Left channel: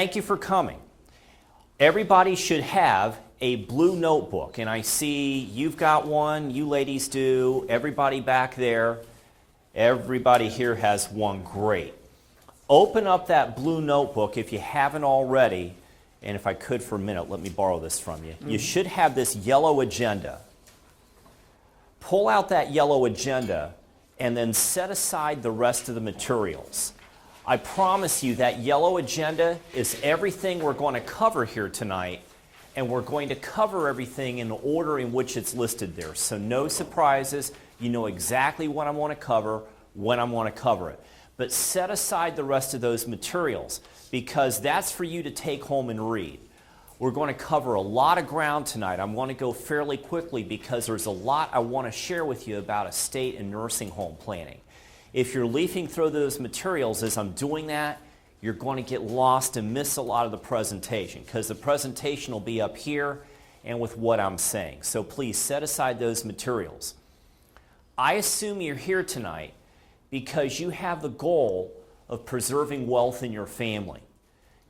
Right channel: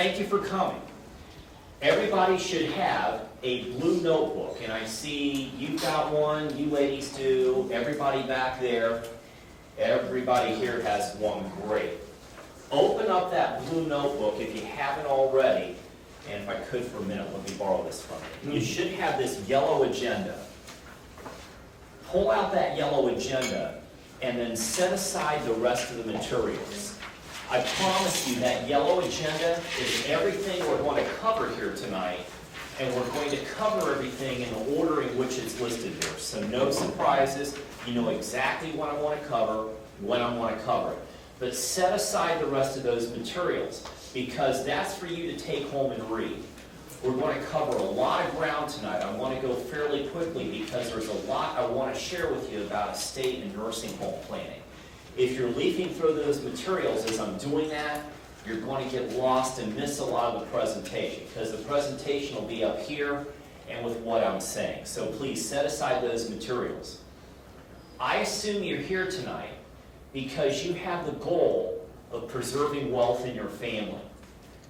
thank you for coming. Everybody should have a blue notebook, and I see you've got one, you ladies do, everybody back there, everybody here has one. Great. Open up that blue notebook if you haven't already, and if I could for a minute, let me borrow this from you. You should have this yellow agenda. Pull out that yellow agenda and then set aside the rest of the materials. I promise you that yellow agenda is everything we're going to cover here tonight, and we're going to cover everything in the order in which it's listed there. So no surprises. You know exactly what I want to cover, when I want to cover it. But set aside the rest of those materials, because that's for you to take home and read. We're going to cover a lot of ground tonight. I want to go fairly quickly because there's a lot I want to share with you about estate and nursing home planning. If you're leafing through those materials as I'm doing that, you're going to get lost and miss a lot of the presentation, because the presentation will be up here and with what I'm saying. So please set aside those materials. I assume you're here tonight because you have the goal of preserving wealth in your family.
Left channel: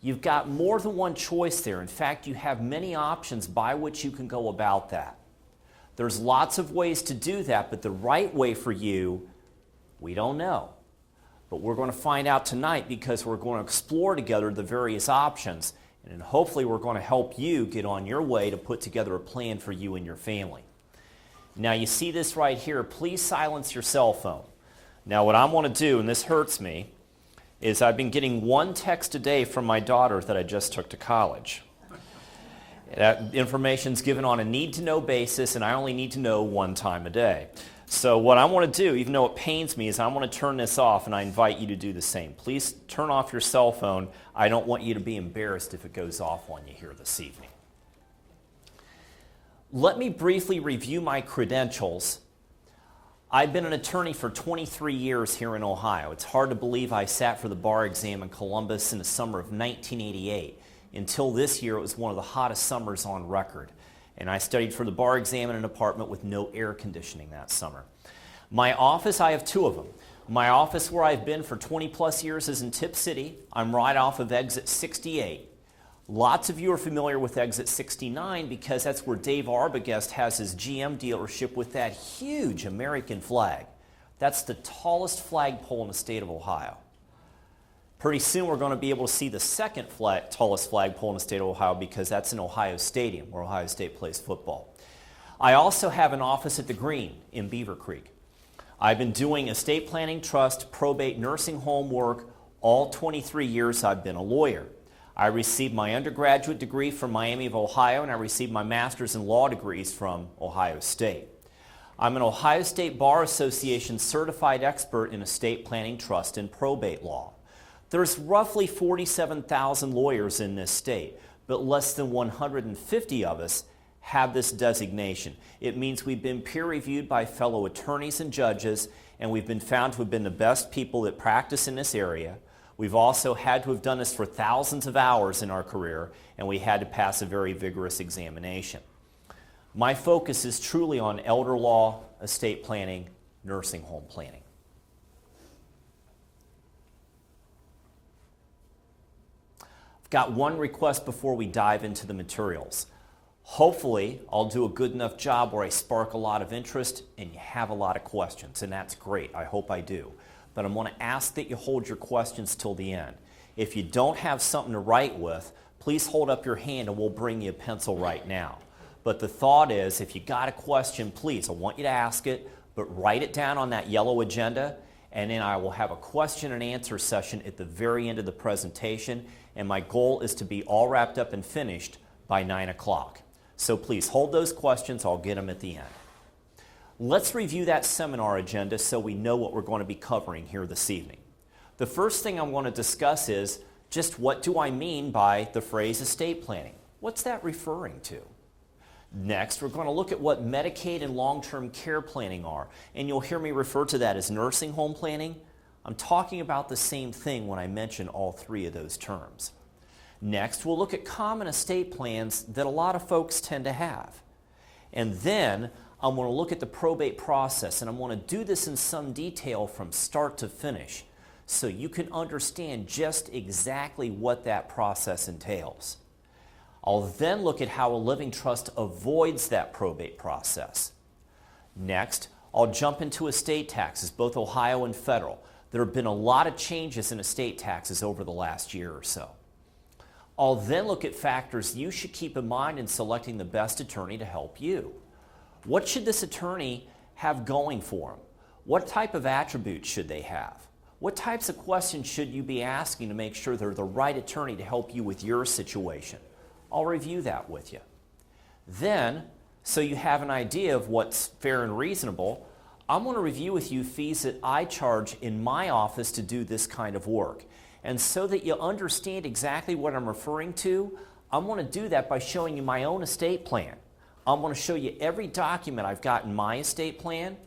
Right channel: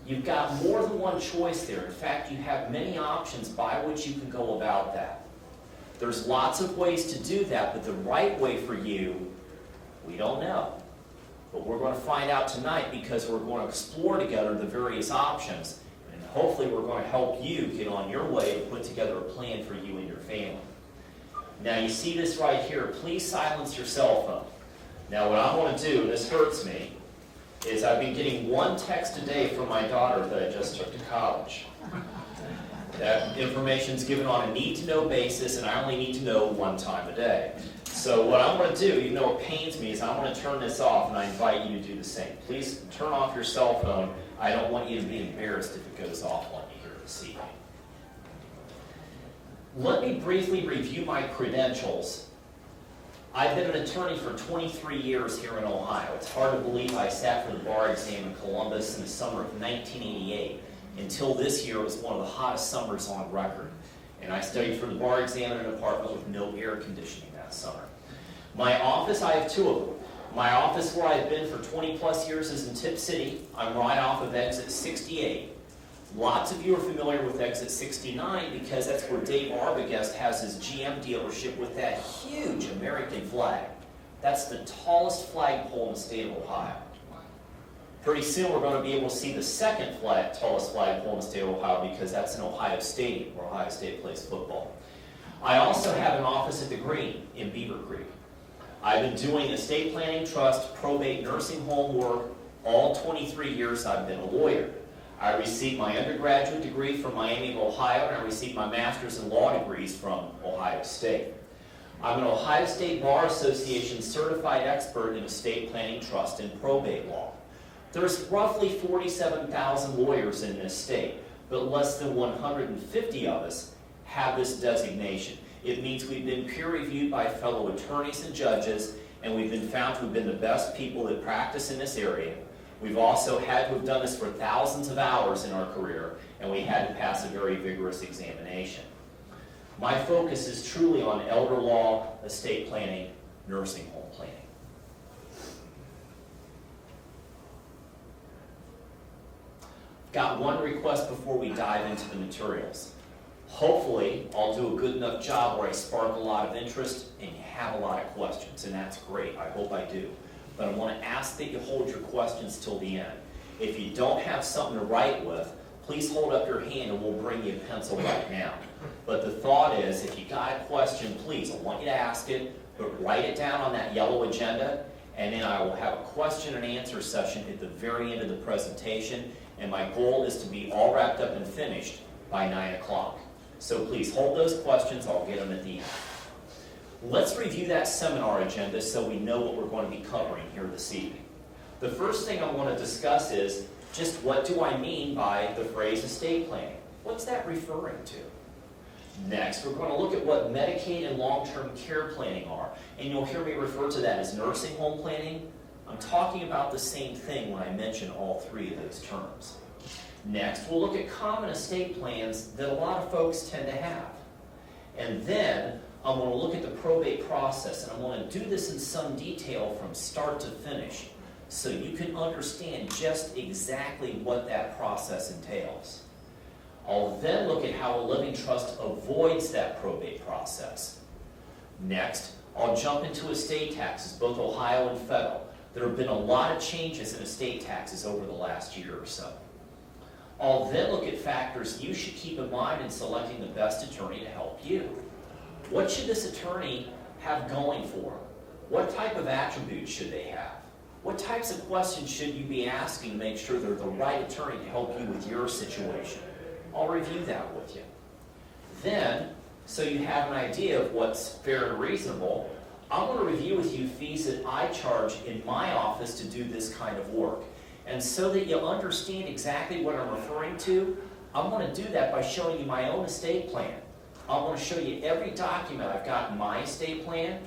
You've got more than one choice there. In fact, you have many options by which you can go about that. There's lots of ways to do that, but the right way for you, we don't know. But we're going to find out tonight, because we're going to explore together the various options, and hopefully we're going to help you get on your way to put together a plan for you and your family. Now you see this right here. Please silence your cell phone. Now what I want to do, and this hurts me, is I've been getting one text a day from my daughter that I just took to college. That information's given on a need-to-know basis, and I only need to know one time a day. So what I want to do, even though it pains me, is I want to turn this off, and I invite you to do the same. Please turn off your cell phone. I don't want you to be embarrassed if it goes off on you here this evening. Let me briefly review my credentials. I've been an attorney for 23 years here in Ohio. It's hard to believe I sat for the bar exam in Columbus in the summer of 1988. Until this year, it was one of the hottest summers on record. And I studied for the bar exam in an apartment with no air conditioning that summer. My office, I have two of them. My office where I've been for 20 plus years is in Tipp City. I'm right off of exit 68. Lots of you are familiar with exit 69 because that's where Dave Arbogast has his GM dealership with that huge American flag. That's the tallest flagpole in the state of Ohio. Pretty soon we're going to be able to see the second tallest flagpole in the state of Ohio, because that's in Ohio Stadium, where Ohio State plays football. I also have an office at the Green in Beaver Creek. I've been doing estate planning, trust, probate, nursing home work all 23 years I've been a lawyer. I received my undergraduate degree from Miami of Ohio, and I received my master's in law degrees from Ohio State. I'm an Ohio State Bar Association certified expert in estate planning, trust, and probate law. There's roughly 47,000 lawyers in this state, but less than 150 of us have this designation. It means we've been peer-reviewed by fellow attorneys and judges, and we've been found to have been the best people that practice in this area. We've also had to have done this for thousands of hours in our career, and we had to pass a very vigorous examination. My focus is truly on elder law, estate planning, nursing home planning. Got one request before we dive into the materials. Hopefully, I'll do a good enough job where I spark a lot of interest and you have a lot of questions, and that's great. I hope I do. But I want to ask that you hold your questions till the end. If you don't have something to write with, please hold up your hand and we'll bring you a pencil right now. But the thought is, if you got a question, please, I want you to ask it, but write it down on that yellow agenda, and then I will have a question and answer session at the very end of the presentation. And my goal is to be all wrapped up and finished by 9 o'clock. So please hold those questions. I'll get them at the end. Let's review that seminar agenda so we know what we're going to be covering here this evening. The first thing I want to discuss is just what do I mean by the phrase estate planning? What's that referring to? Next, we're going to look at what Medicaid and long-term care planning are. And you'll hear me refer to that as nursing home planning. I'm talking about the same thing when I mention all three of those terms. Next, we'll look at common estate plans that a lot of folks tend to have. And then I'm going to look at the probate process, and I'm going to do this in some detail from start to finish so you can understand just exactly what that process entails. I'll then look at how a living trust avoids that probate process. Next, I'll jump into estate taxes, both Ohio and federal. There have been a lot of changes in estate taxes over the last year or so. I'll then look at factors you should keep in mind in selecting the best attorney to help you. What should this attorney have going for them? What type of attributes should they have? What types of questions should you be asking to make sure they're the right attorney to help you with your situation? I'll review that with you. Then, so you have an idea of what's fair and reasonable, I'm going to review with you fees that I charge in my office to do this kind of work. And so that you'll understand exactly what I'm referring to, I'm going to do that by showing you my own estate plan. I'm going to show you every document I've got in my estate plan,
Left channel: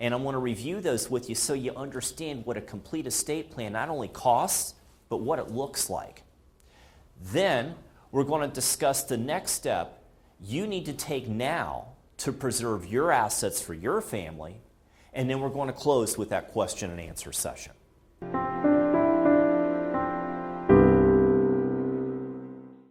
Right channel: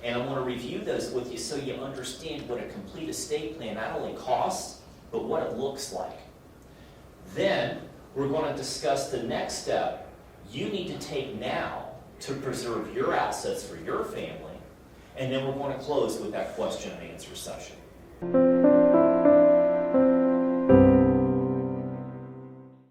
and I'm going to review those with you so you understand what a complete estate plan not only costs, but what it looks like. Then, we're going to discuss the next step you need to take now to preserve your assets for your family, and then we're going to close with that question and answer session.